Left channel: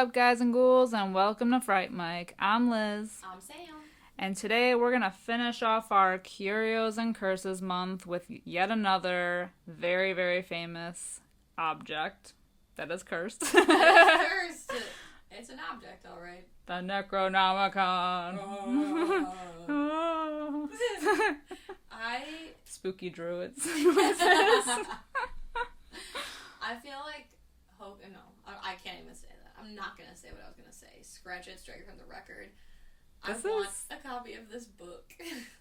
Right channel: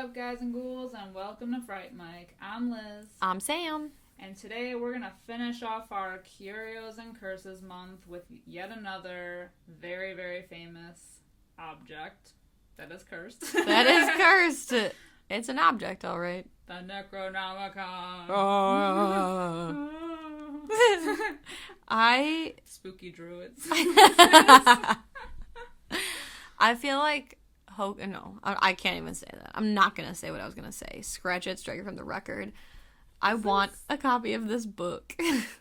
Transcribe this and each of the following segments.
up, guys and ghouls, and welcome to Fright Mike. I'm Liz. I'm Sam. And today we're going to finish off our Curios and Curses month with yet another very, very famous object that is cursed. That is cursed. It's an object, all right. The Necronomicon. Spooky druids. I feel like... No, I can't even say that. I'm not going to say what I was going to say. Scratch it, strike it from the record. I want a copy of this book.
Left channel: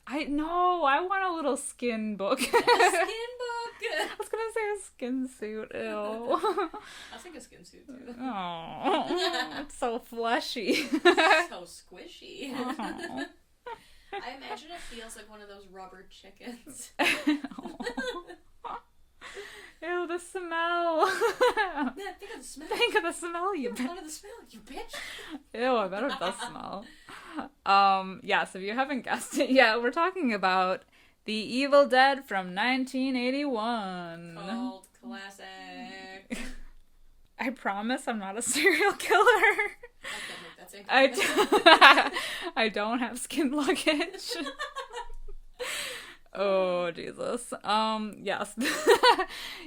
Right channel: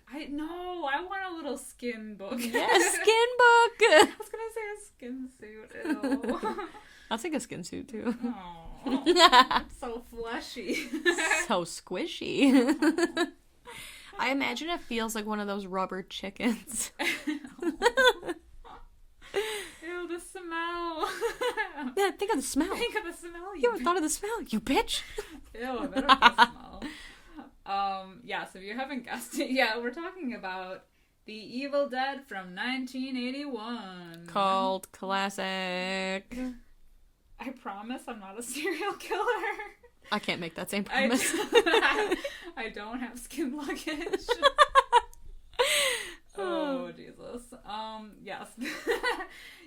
I want a little skin book. Yeah, skin book. I was going to say a skin suit. Ew. I'll take a skin suit, too. Oh, it's so fleshy. So squishy. Oh. I imagine it feels like one of those rubber chickens. Ew, the smell. Yeah, think of the smell. Think of the smell, you ever thought of the smell, you bitch? Ew, I better the smell. So if you haven't guessed it yet, we're talking about The Evil Dead from 1981. Called classic. I promise I'm not a serial killer. I can't make that same promise. I don't have skin luggage. Oh, Jesus. Yes.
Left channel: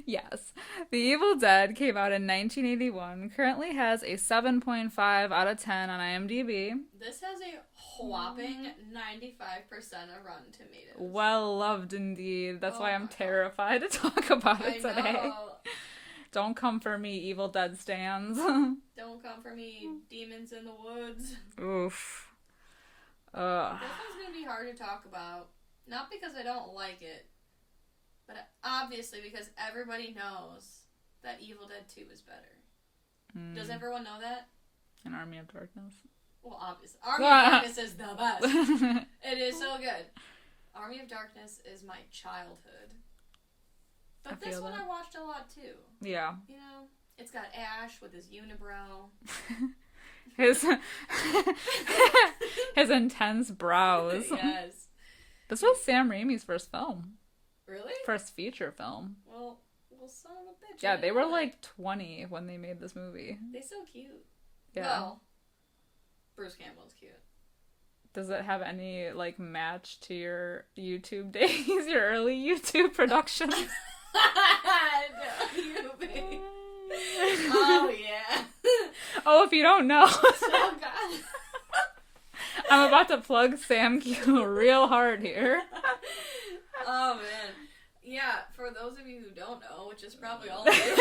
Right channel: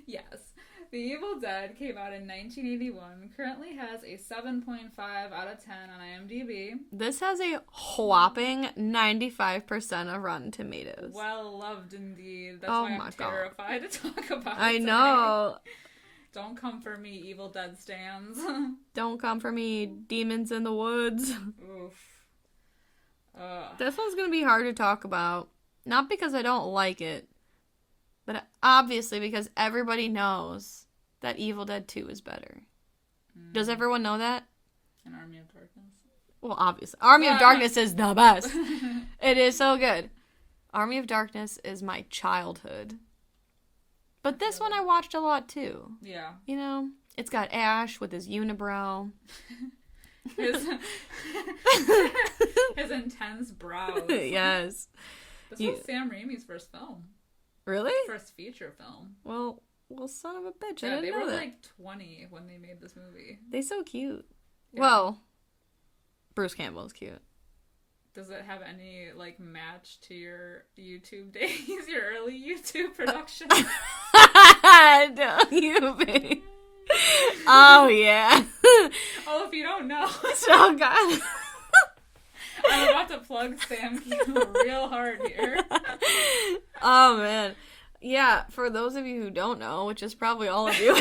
Yes. The Evil Dead came out in 1981, currently has a 7.5 out of 10 on IMDb. This has a whopping 95% of Rotten Tomatoes. Well loved indeed. That's why I'm terrified to talk about it today. know. Don't come for me, Evil Dead stans. Don't come for me, demons in the woods. Oof. This one's gonna be hard to talk about. Not because I don't like it, but obviously because everybody knows that Evil Dead 2 is better. Does everyone know that? An Army of Darkness. Well, obviously. Army of Darkness is the best. It is so good. Army of Darkness is my childhood. But this one I watched a lot too. Yeah. You know, it's got Ash with his unibrow. His intense brows. Yes. This was Sam Raimi's first film. Really? First feature film. Well, son of a bitch. Yeah, they were like 20 when they made this movie. They're so cute. Yeah. Well, Bruce Campbell is cute. Does it have any, like, match to your YouTube days? Your early YouTube production? No, you babe. Oh, yeah. Oh, if you don't know. Oh, God. I'm about to plug Sam real hard here. Oh, man. Yeah, for those of you who don't know, which is probably all of you,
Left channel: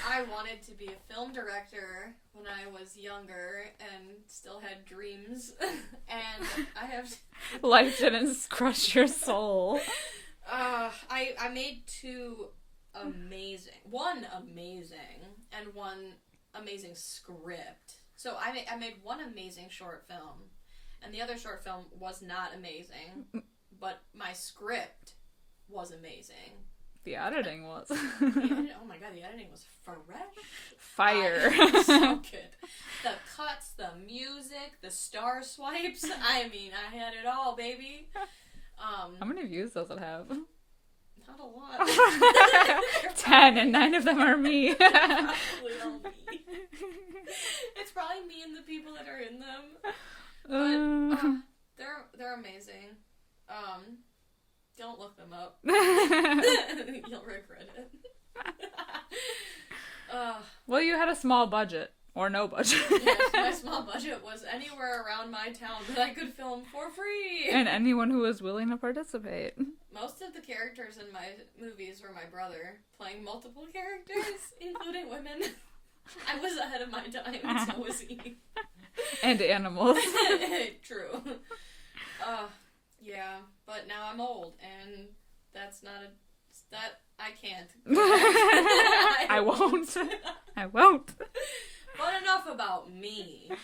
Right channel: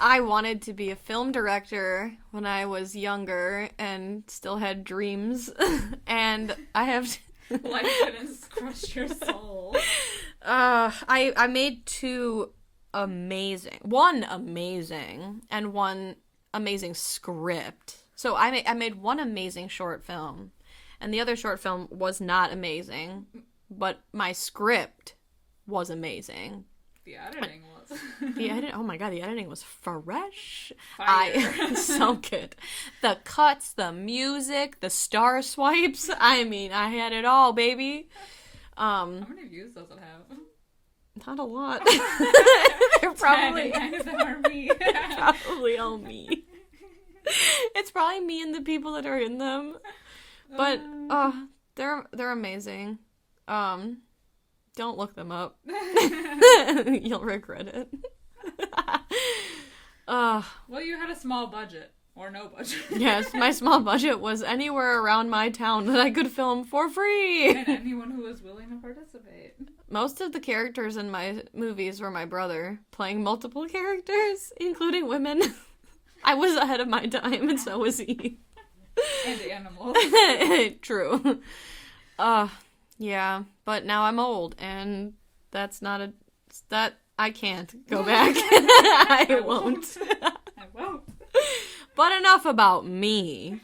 I wanted to be a film director when I was younger and still had dreams. And I have... Life didn't crush your soul. I made one amazing and one amazing script. So I made one amazing short film, and the other short film was not amazing, but my script was amazing. The editing was. Oh my god, the editing was fresh. Fire. So good. The cuts, the music, the star swipes. I mean, I had it all, baby. How many views does it have? Not a lot. 10, and 9 of them are me. Probably all me. It's probably me and the people that are in them. But they're amazing. Don't look them up. You'll regret it. Well, you had a small budget. Or no budget. Yes, my small budget was anywhere around my town that I could film for free. And anyone who was willing to participate. Most of the characters in my movies were my brother, playing multiple characters, including women. I was ahead of my time, and so was he. And animals. True. Yeah, but now I'm old, and that's not I can't go back. I won't. I won't. But enough about me.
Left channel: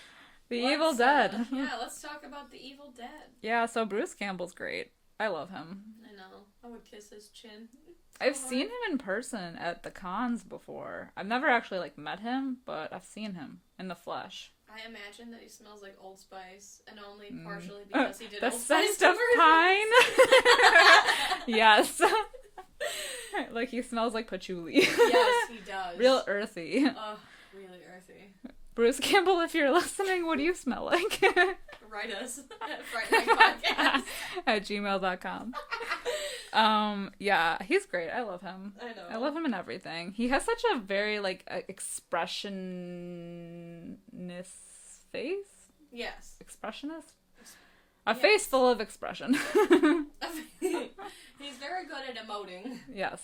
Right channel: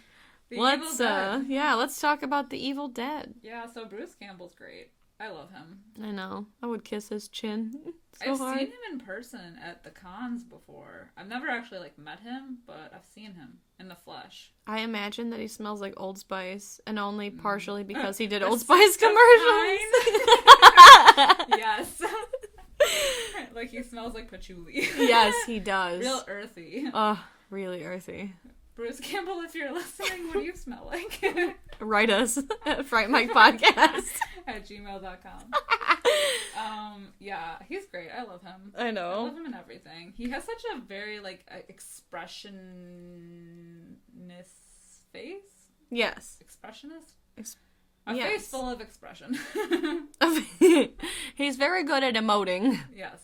The Evil Dead. Let's talk about The Evil Dead. Yeah, so Bruce Campbell's great. I love him. I know. I would kiss his chin. I've seen him in person at the cons before. I've never actually, met him, but I've seen him in the flesh. I imagine that he smells like Old Spice, and only partially because he did Old Spice commercials. Yes. Like, he smells like patchouli. Yes, he does. Real earthy. Really earthy. Bruce Campbell, if you're listening, what do you smell like? Write us at frightmikepodcast at gmail.com. Yeah, he's great. I love him. I know. I love him in everything. He has such a very, like, expressionist face? Yes. Expressionist? A face full of expression. He's very good at emoting. Yes.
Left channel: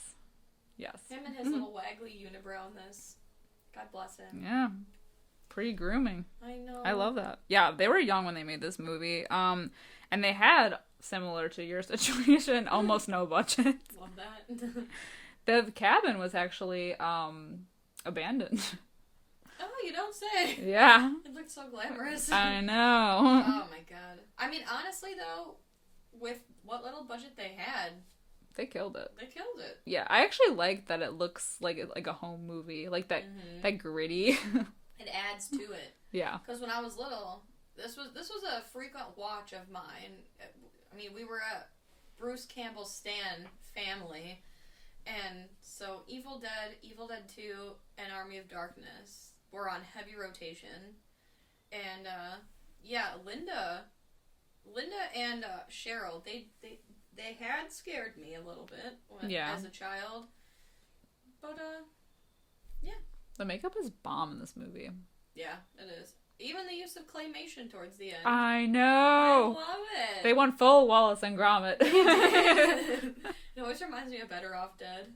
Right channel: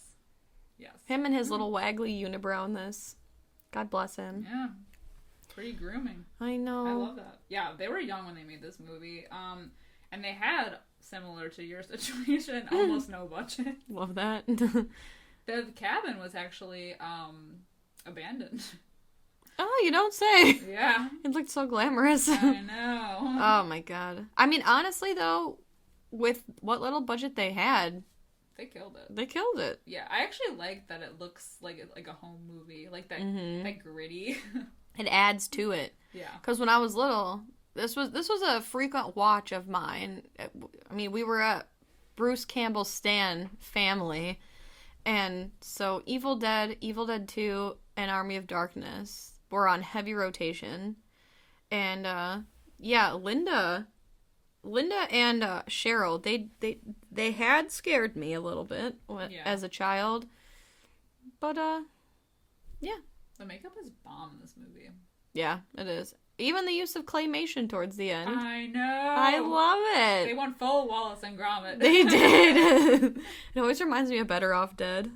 Yes. Him and his little waggly unibrow in this. God bless him. Yeah. Pretty grooming. I know. I love that. Yeah, they were young when they made this movie. And they had, similar to your situation, almost no budget. Love that. The cabin was actually abandoned. Oh, you don't say. Yeah. It looked so glamorous. I know. Oh my god. I mean, honestly though, with what little budget they had, they killed it. They killed it. Yeah, I actually like that it looks like a home movie, like that that gritty. It adds to it. Yeah. Because when I was little, this was a frequent watch of mine. I mean, we were at Bruce Campbell's Stan family, and so Evil Dead 2, and Army of Darkness were on heavy rotation, and yeah, Linda and Cheryl, they had scared me a little bit as a child, but yeah. The makeup is bomb in this movie. Yeah, it is. Even the use of claymation towards the end. I know. I love it. They went full Wallace and Gromit. They did. It always reminds me of Better Off Dead.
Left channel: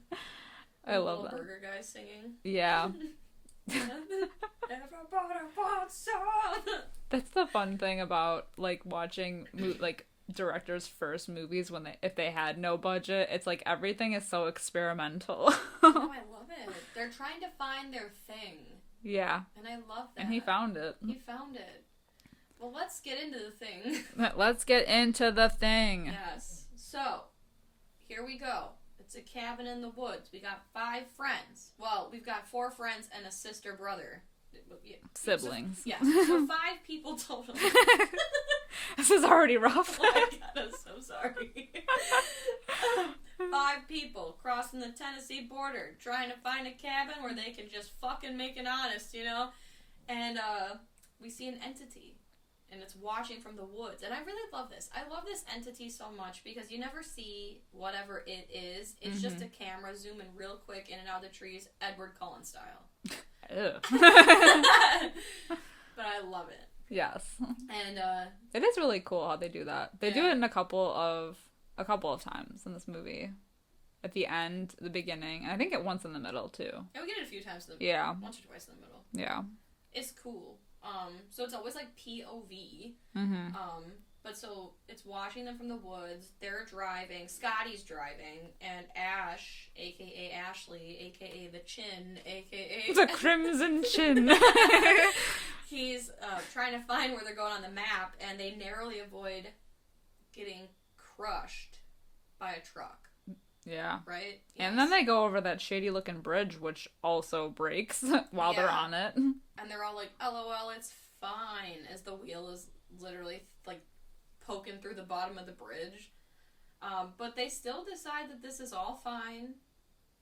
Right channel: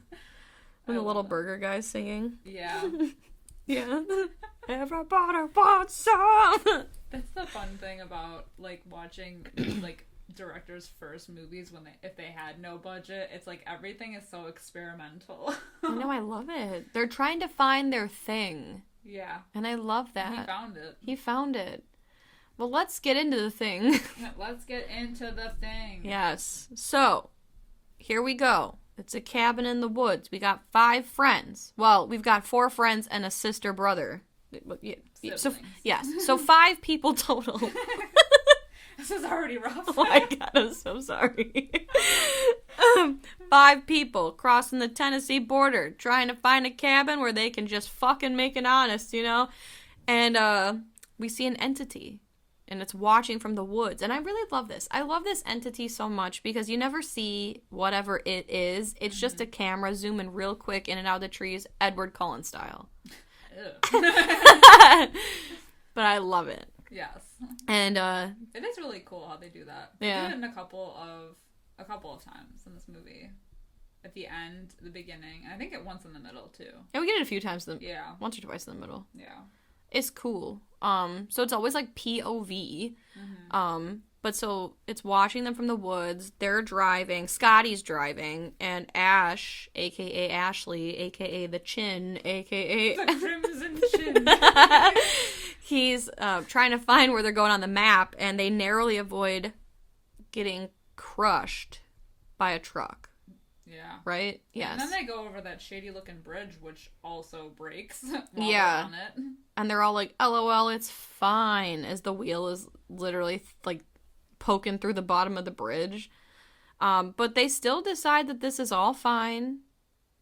The little that. burger guy singing. Yeah. Yeah. Everybody wants some. That's the fun thing about, like, watching, like, directors' first movies if they had no budget. It's like everything is so experimental. No, I love it. They're trying to find their thing. Yeah. And I love that. And he found it. Well, let's get into the thing. Let's get into the thing. Yes. So, here we go. It's a cabin in the woods. We got 5 friends. Well, we've got 4 friends and a sister brother. Siblings. So, yes. So 5 people total. This is already rough. Oh my god, I'm so sorry. 5 people crossing the Tennessee border, trying to find a cabin where they can just fucking make it honest, you know? And we see an entity, and it's watching from the woods. And I really love this. I love this entity so much because you never see whatever it is. It's just a camera zooming real quick in and out of the trees, Edward Cullen style. But I love it. Yes. And it is really cool how they do that. They do it in a couple of times in this movie. At the end, the beginning, and I think once in the middle too. And we get it a few times yeah. Once or twice in the middle. Yeah. It's cool. So it's always like POV. But so it's watching them from the woods. They're driving. Scotty's driving, and Ash, aka Ashley, aka the Chin, aka the Crimson Chin. He's trying to find where they're going on the map, and they narrowly avoid getting crushed by a truck. Yeah. Right? Yeah, and then they go over that shady-looking bridge, which also breaks while they're on it. And they're all like, LOL, it's fine, as the wheel is literally, like, poking through the bottom of the bridge. But they still decide that this is all fine,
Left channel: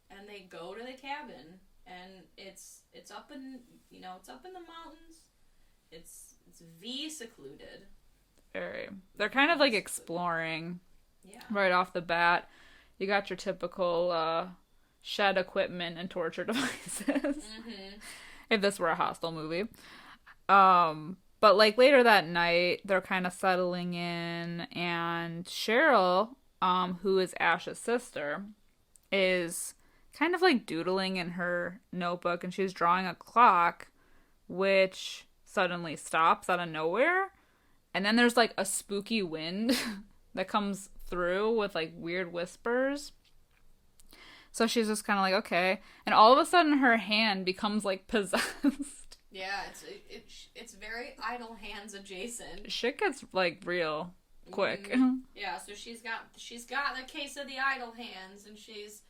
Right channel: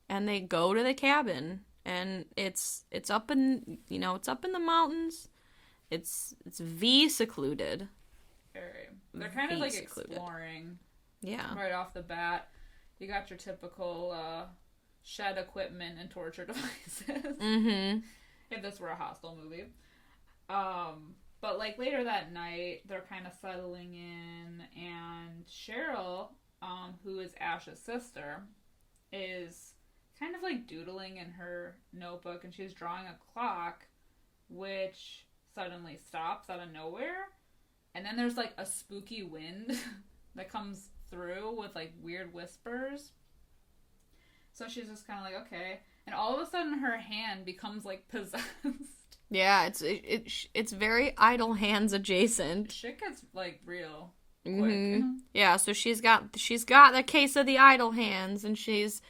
and they go to the cabin, and it's up in, it's up in the mountains. It's secluded. Very. They're kind of, like, exploring. Yeah. Right off the bat. You got your typical shed equipment and torture devices. If this were a Hostel movie. But, like, later that night, they're kind of settling in, and Cheryl, who is Ash's sister, is kind of, like, doodling in her notebook, and she's drawing a clock, which suddenly stops out of nowhere. And then there's, like, a spooky wind that comes through with, like, weird whispers. So she's just kind of like, okay. And all of a sudden her hand becomes, like, possessed. Yeah, it's very idle hands adjacent. Shit gets, like, real quick. Yeah, so she's got the case of the idle hands, and she's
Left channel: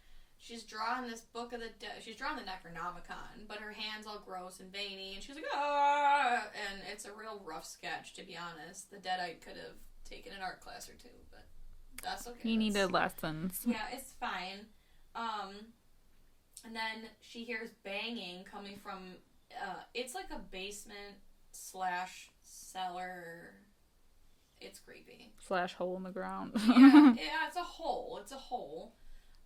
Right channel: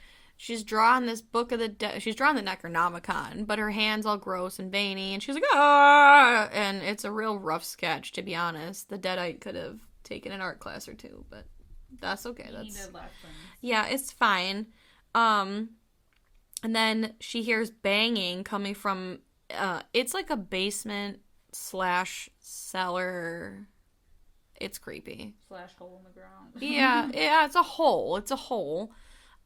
drawing this book of the dead. She's drawing the Necronomicon, but her hands all gross and veiny, and she's like, ah! And it's a real rough sketch, to be honest. The Deadite could have taken an art class or two, but that's okay. He needed lessons. Yeah, it's fine. And then she hears banging coming from It's like a basement / cellar. It's creepy. / hole in the ground. yeah, it's a hole. It's a hole.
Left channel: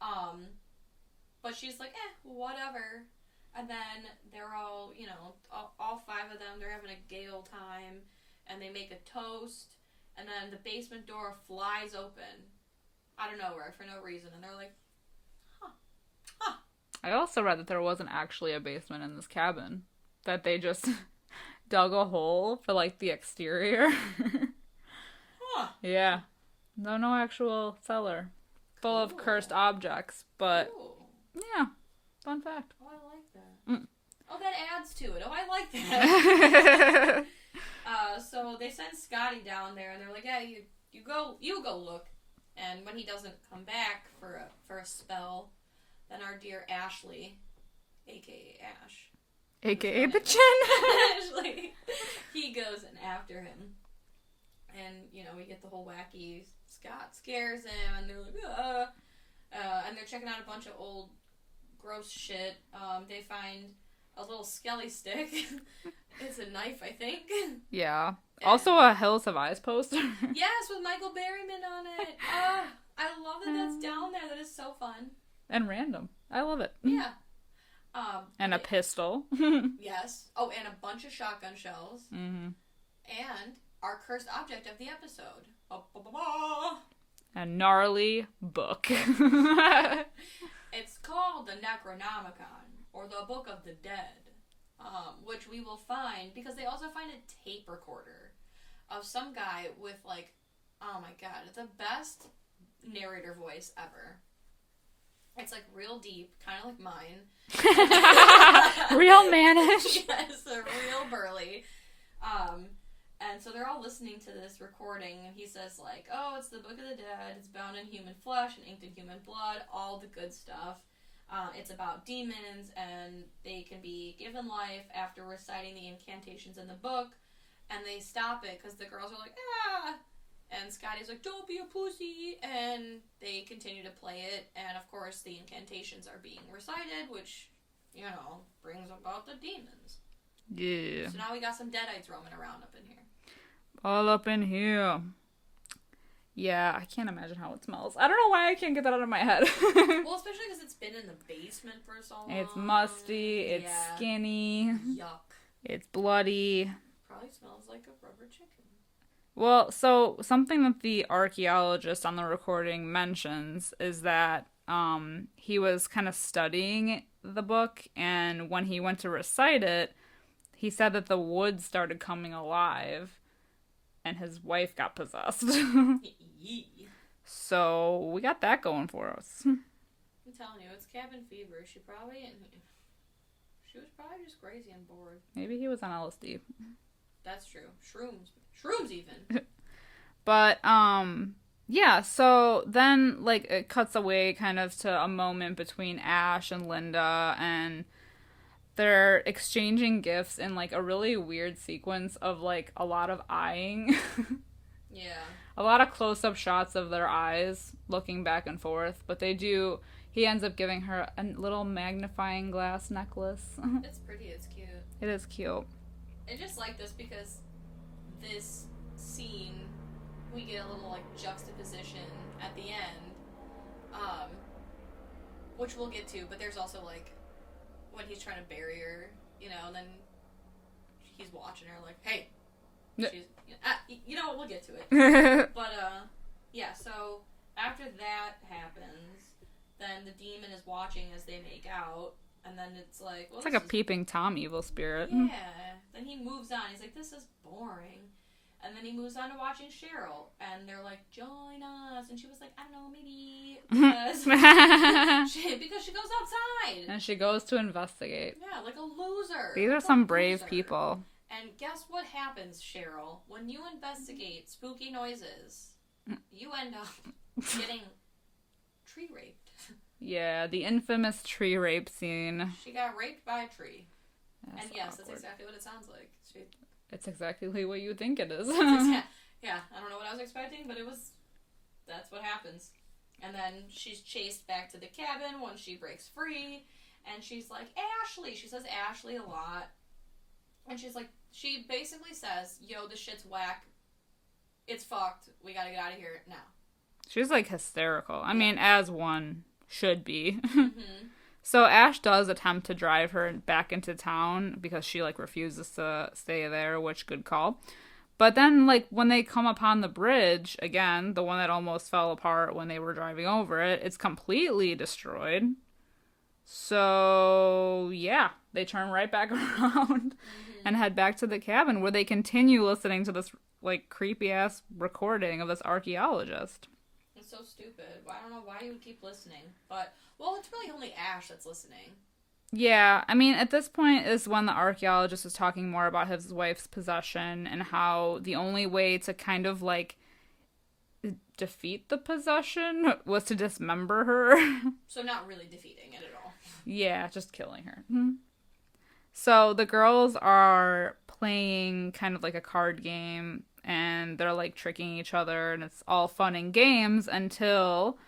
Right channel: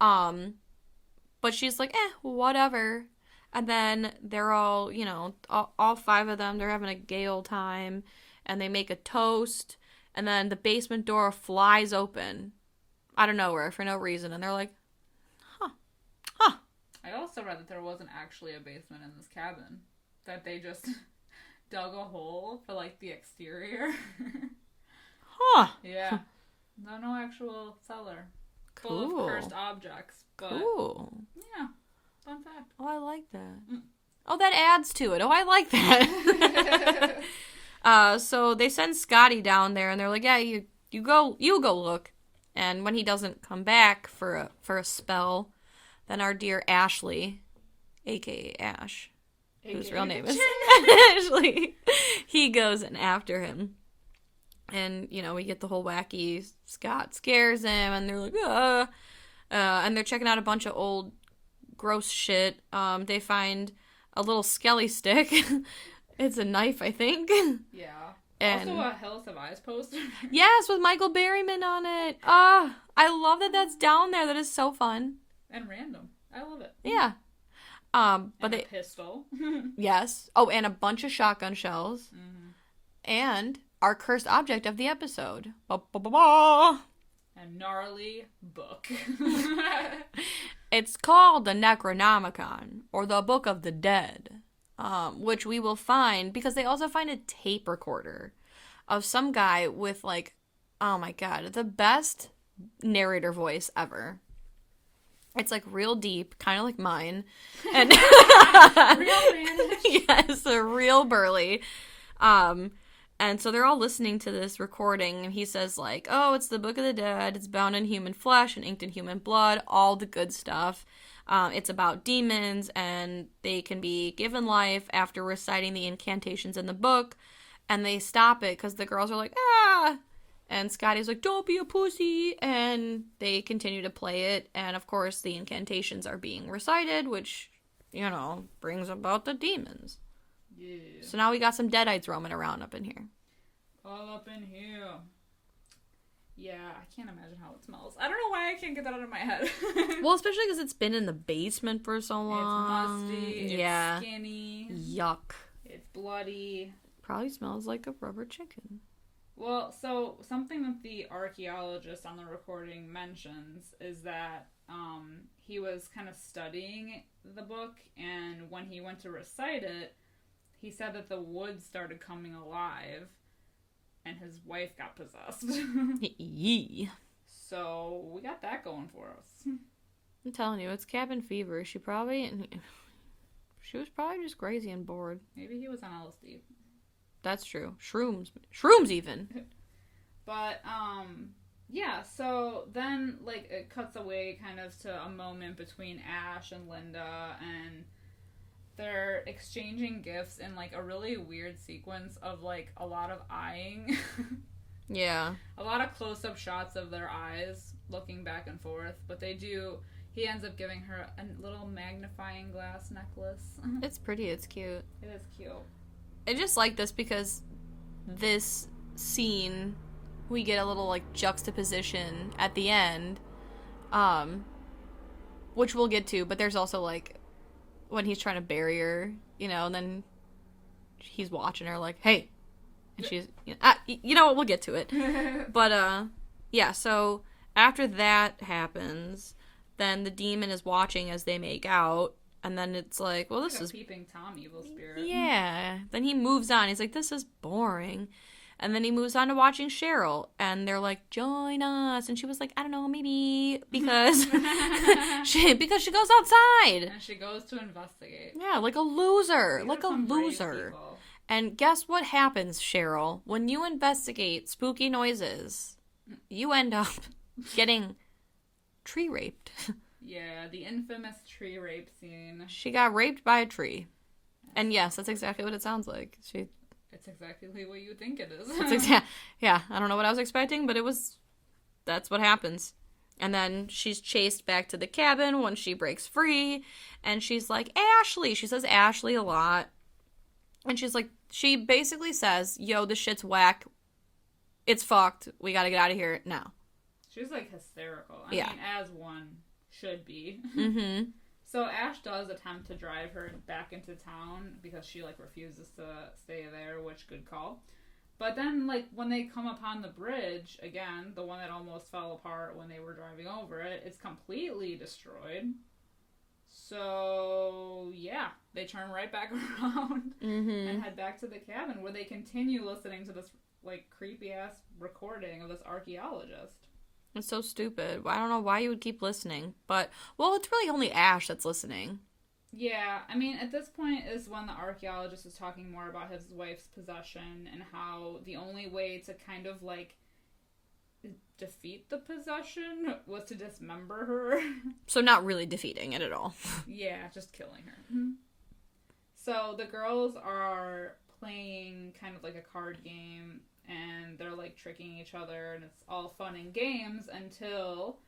But she's like, whatever. And then they're all, all 5 of them, they're having a gay old time. And they make a toast. And then the basement door flies open out of nowhere for no reason. And they're like, huh. I also read that there wasn't actually a basement in this cabin. That they just dug a hole for, like, the exterior. Huh. Yeah. No actual cellar. Full of cursed objects. But, yeah. Fun fact. Oh, I like that. Oh, that adds to it. Oh, I like that. So they send Scotty down there, and they're like, yeah, you go look. And when he doesn't come back for a spell, then our dear Ashley, a.k.a. Ash, a.k.a. Ashley, he goes in after him. And, we get the whole wacky Scott scares him, and they're like, and they're checking out a bunch of old gross shit. They find a little skelly stick. It's a knife, I think. Yeah. And also a Hills Have Eyes poster. Yes, with Michael Berryman on it. I love that that's down there. That is so fun. And random. I love it. Yeah. And a pistol. Yes. Oh, and a bunch of shotgun shells. Mm-hmm. And our cursed object of the episode. A gnarly book. It's called the Necronomicon, or the Book of the Dead, which we will find, because they also find a tape recorder of some guy with, like, oh my god, the best narrator voice ever. It's, like, real deep, kind of like mine. And real mannish. Yes, real burly. And so they're all listening to this recording, and he says, like, oh, it's the Book of the Dead, it's bound in human flesh and inked in human blood, all the good stuff. It's about demons, and they can be given life after reciting the incantations in the book, and they stop it because the girls are like, ah! And Scotty's like, don't be a pussy! And they continue to play it, and of course the incantations are being recited, which, brings about the demons. Yeah. So now we got some deadites roaming around up in here. All up in here. Yeah, I can't imagine how it smells. I don't know why I can't get that out of my head. Well, especially because it's been in the basement for so long. It's musty. It's skinny. Yuck. It's bloody. Probably smells like a rubber chicken. Well, so something that the archaeologist on the recording mentions is that he was kind of studying the book, and when he went to recite it, he said that the wood started coming alive, and his wife got possessed. Yee. So we got that going for us. I'm telling you, it's cabin fever. She was probably just crazy and bored. Maybe he was on LSD. That's true. Shrooms even. But, yeah, so then, like, it cuts away kind of to a moment between Ash and Linda, and they're exchanging gifts in, like, a really weird sequence of, like, a lot of eyeing. Yeah. A lot of close-up shots of their eyes looking back and forth, but he ends up giving her a little magnifying glass necklace. It's pretty, it's cute. It is cute. I just like this because this scene, we get a little, like, juxtaposition at the end, which we'll get to, but there's also, like, when he's trying to bury her, and then he's watching her like, hey, and she's, you know what, we'll get to it. But, yeah, so after that happens, then the demon is watching as they make out, and then it's like, well, it's like a peeping Tom evil spirit. Yeah. Then he moves on. He's like, this is boring. And then he moves on to watching Cheryl, and they're like, join us. And she was like, I don't know, maybe, because because she goes outside. And she goes to investigate. Yeah, like a loser. These are some brave people. And guess what happens, Cheryl? When you investigate spooky noises, you end up getting tree raped. Yeah, the infamous tree rape scene. She got raped by a tree. And yes, that's exactly what it sounds like. It's exactly what you think it is. Yeah, I don't know what I was expecting, but that's what happens. And then she's chased back to the cabin when she breaks free, and she's like, Ashley! She says Ashley a lot. And she basically says, yo, this shit's whack. It's fucked. We gotta get out of here now. She's, like, hysterical. I mean, as one should be. Mm-hmm. So Ash does attempt to drive her back into town because she, like, refuses to stay there, which good call. But then, like, when they come upon the bridge, again, the one that almost fell apart when they were driving over it, it's completely destroyed. So, yeah, they turn right back around and head back to the cabin where they continue listening to this, like, creepy-ass recording of this archaeologist. It's so stupid. I don't know why you would keep listening. But, well, it's really only Ash that's listening. Yeah, I mean, at this point is when the archaeologist is talking more about his wife's possession and how the only way to kind of, like, defeat the possession was to dismember her. So not really defeating it at all. Yeah, just killing her. Mm-hmm. So the girls are playing kind of like a card game, and they're, like, tricking each other, and it's all fun and games until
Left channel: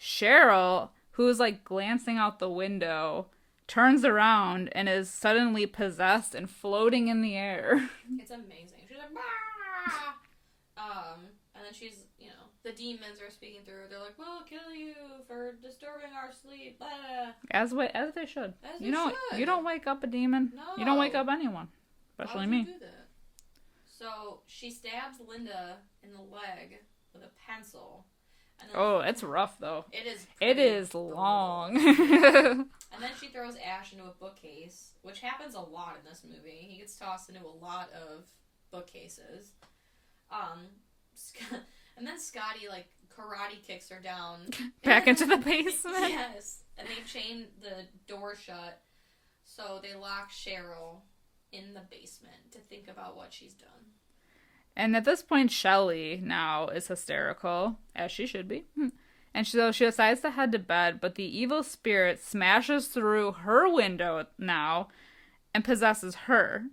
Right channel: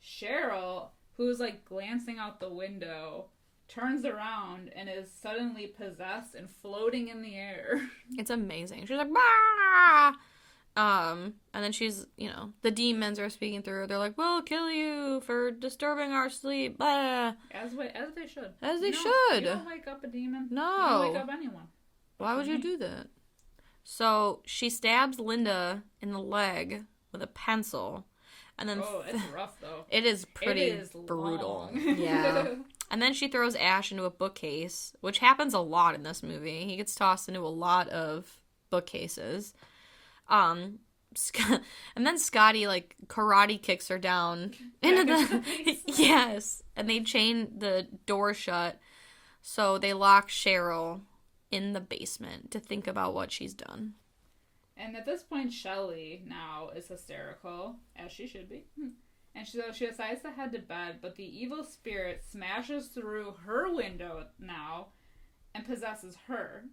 Cheryl, who's, like, glancing out the window, turns around and is suddenly possessed and floating in the air. It's amazing. She's like, bah! And then she's, the demons are speaking through her. They're like, we'll kill you for disturbing our sleep. Blah. As they should. As they should. You don't wake up a demon. No. You don't wake up anyone. Why would you do that? So she stabs Linda in the leg with a pencil. And then it's rough, though. It is pretty brutal. Long. Yeah. And then she throws Ash into a bookcase, which happens a lot in this movie. He gets tossed into a lot of bookcases. And then Scotty, like, karate kicks her down. Back into the basement. Yes. And they chain the door shut. So they lock Cheryl in the basement to think about what she's done. And at this point, Shelley now is hysterical, as she should be. And she decides to head to bed, but the evil spirit smashes through her window now and possesses her.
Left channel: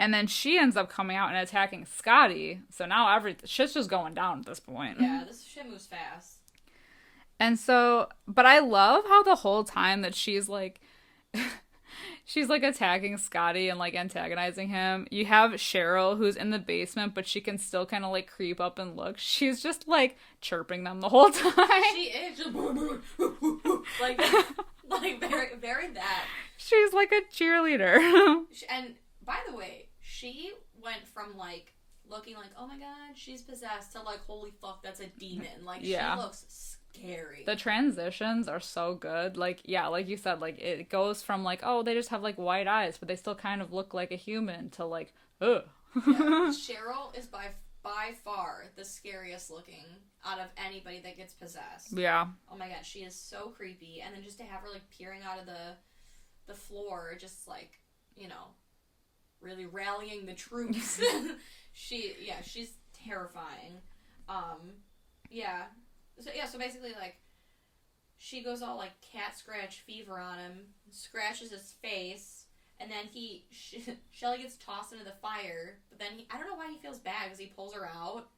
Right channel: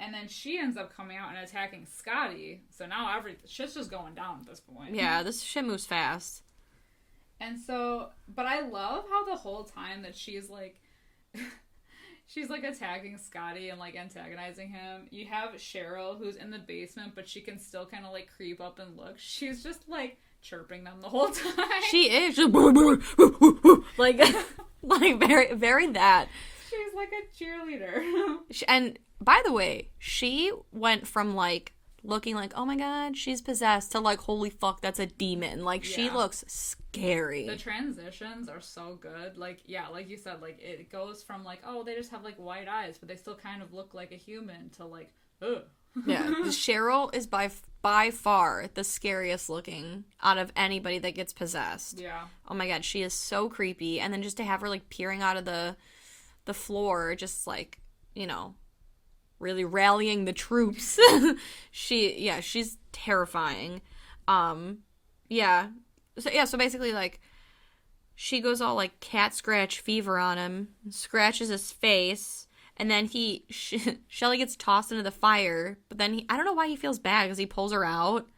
And then she ends up coming out and attacking Scotty. So now shit's just going down at this point. Yeah, this shit moves fast. And so, but I love how the whole time that she's like... she's, like, attacking Scotty and, like, antagonizing him. You have Cheryl, who's in the basement, but she can still kind of, like, creep up and look. She's just, like, chirping them the whole time. She is. like very, very that. She's, like, a cheerleader. And, by the way, she went from, like, looking like, oh my god, she's possessed, to, like, holy fuck, that's a demon. Like, she looks scary. The transitions are so good. Like, yeah, like you said, like, it goes from, like, oh, they just have, like, white eyes, but they still kind of look like a human, to, like, ugh. Yeah, Cheryl is by far the scariest looking out of anybody that gets possessed. Yeah. Oh my god, she is so creepy. And then just to have her, like, peering out of the floor, just, like, really rallying the troops. She's terrifying. So basically, like, she goes all, like, cat scratch fever on him, scratches his face, and then Shelley gets tossed into the fire, but then I don't know why he feels bad, because he pulls her out,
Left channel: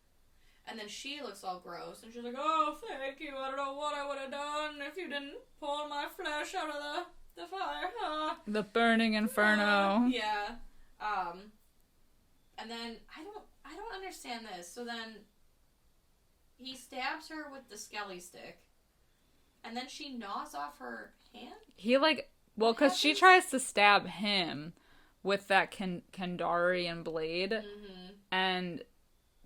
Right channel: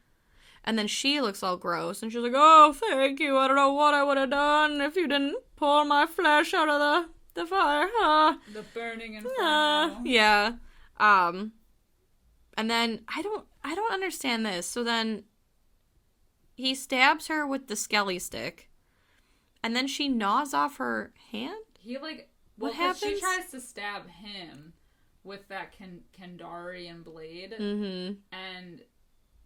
and then she looks all gross, and she's like, oh, thank you, I don't know what I would have done if you didn't pull my flesh out of the fire. The burning inferno. Yeah. And then I don't understand this. So then he stabs her with the skelly stick, and then she gnaws off her hand. He, like, well, because she tries to stab him with that Kandarian blade,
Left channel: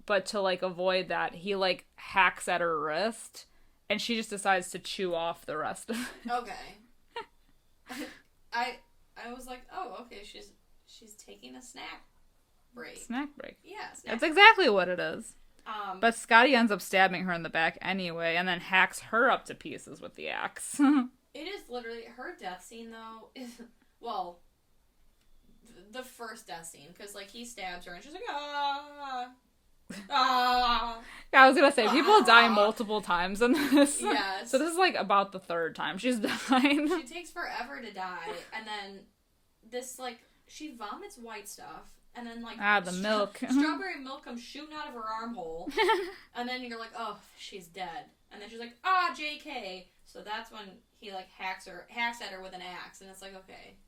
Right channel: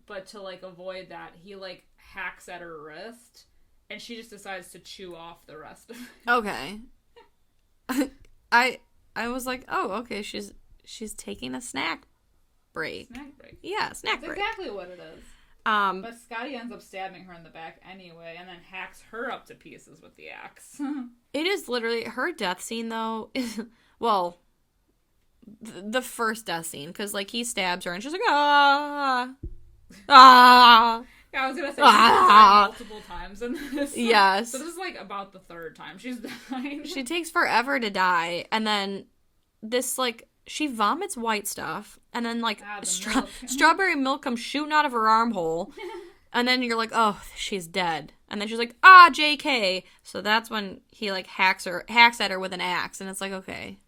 but to, like, avoid that, he, like, hacks at her wrist, and she just decides to chew off the rest of it. Okay. I was like, oh, okay, she's taking a snack break. Snack break. Yeah, snack break. That's exactly what it is. But Scotty ends up stabbing her in the back anyway, and then hacks her up to pieces with the axe. It is literally, her death scene, though, is, well, the first death scene, because, like, he stabs her, and she's like, ah. Yeah, I was gonna say, people die multiple times in this. Yes. So this is, like, about the third time she's died. She takes forever to die, and then this, like, she vomits white stuff, and then, like, the milk. Strawberry milk comes shooting out of her armhole, and then you're like, oh, she's dead. And then she's like, JK. So that's when he, like, hacks at her with an axe, and it's like, okay,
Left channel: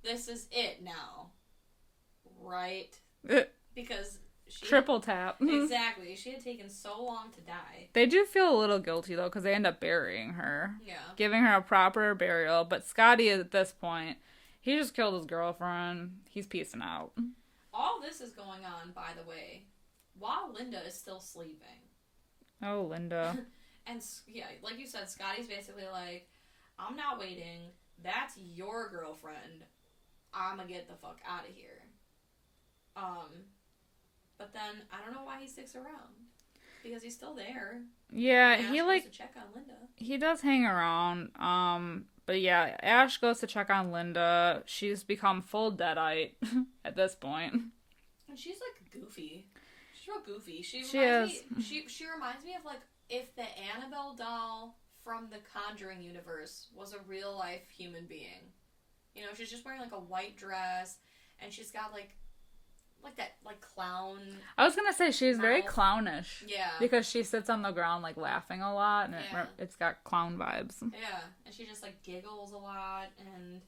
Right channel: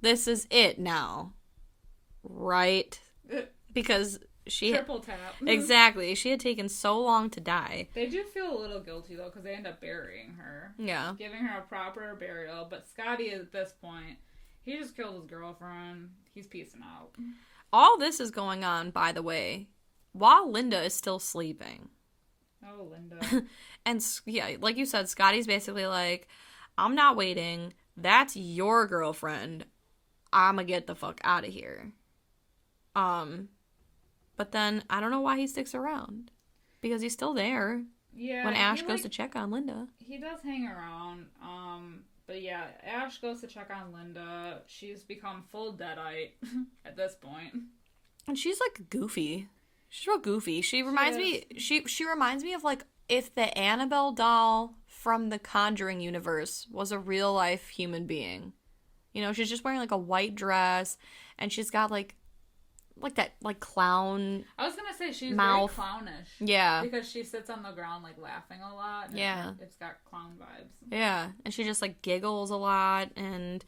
this is it now. Right. Because she... Triple tap. Exactly. She had taken so long to die. They do feel a little guilty, though, because they end up burying her. Yeah. Giving her a proper burial. But Scotty, at this point, he just killed his girlfriend. He's peacing out. All this is going on, by the way, while Linda is still sleeping. Oh, Linda. And, yeah, like you said, Scotty's basically like, I'm not waiting. That's your girlfriend. I'ma get the fuck out of here. But then, I don't know why he sticks around. Because he's still there. Yeah. When Ash goes to check on Linda. He does hang around. But yeah, Ash goes to check on Linda. She's become full deadite at this point. And she's, like, goofy. She's real goofy. She reminds me of, like, if the Annabelle doll from the Conjuring universe was a real-life human being. You know, she's just wearing, like, a white dress, and she's got, like that, like, clown I was gonna say, she's mouth. very clownish. Yeah. Because she sits on the ground, like, laughing a lot. And yeah. It's got clown vibes. Yeah. And she just, like, giggles a lot, and